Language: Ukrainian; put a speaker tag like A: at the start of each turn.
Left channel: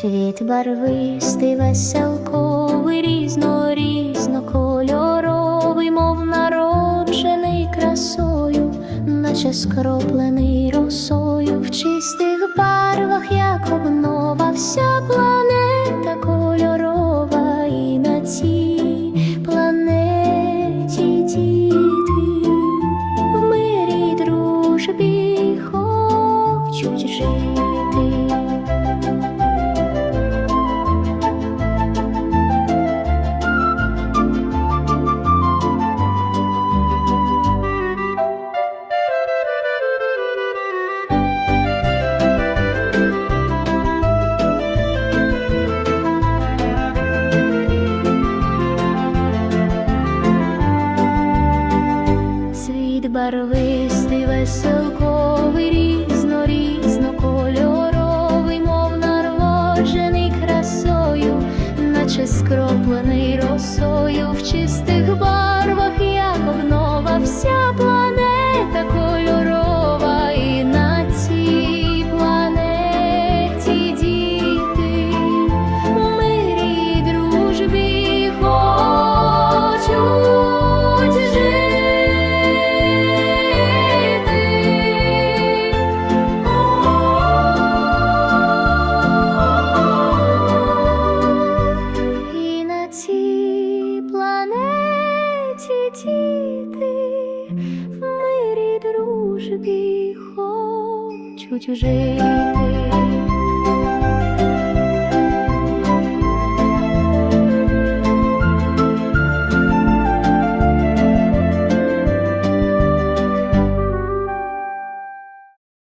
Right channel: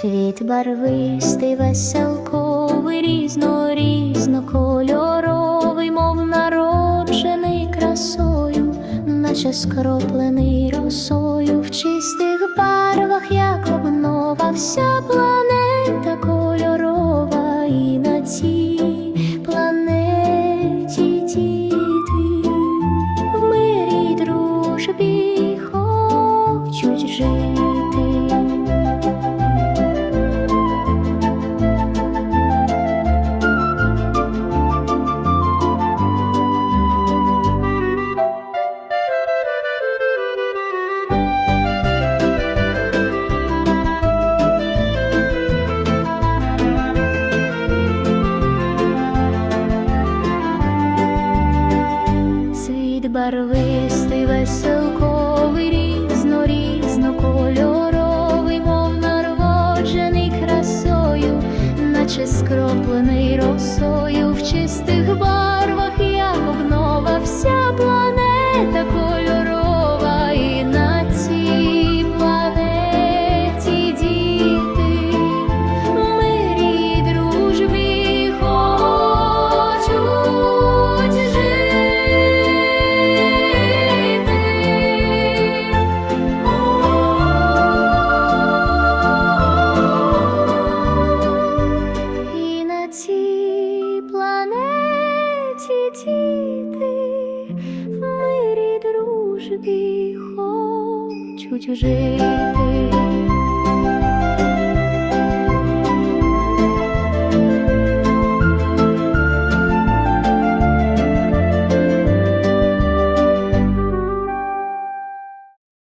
A: Світ барвистий, веселковий, різно, різнокольоровий, мов народжений красою, наче скроплений росою. В чистих барвах, як обнова, вся планета кольорова, і на цій be Світ барвистий, веселковий, різно, різнокольоровий, мов народжений красою, наче скроплений росою. В чистих барвах, як обнова, вся дружбі хочуть жити.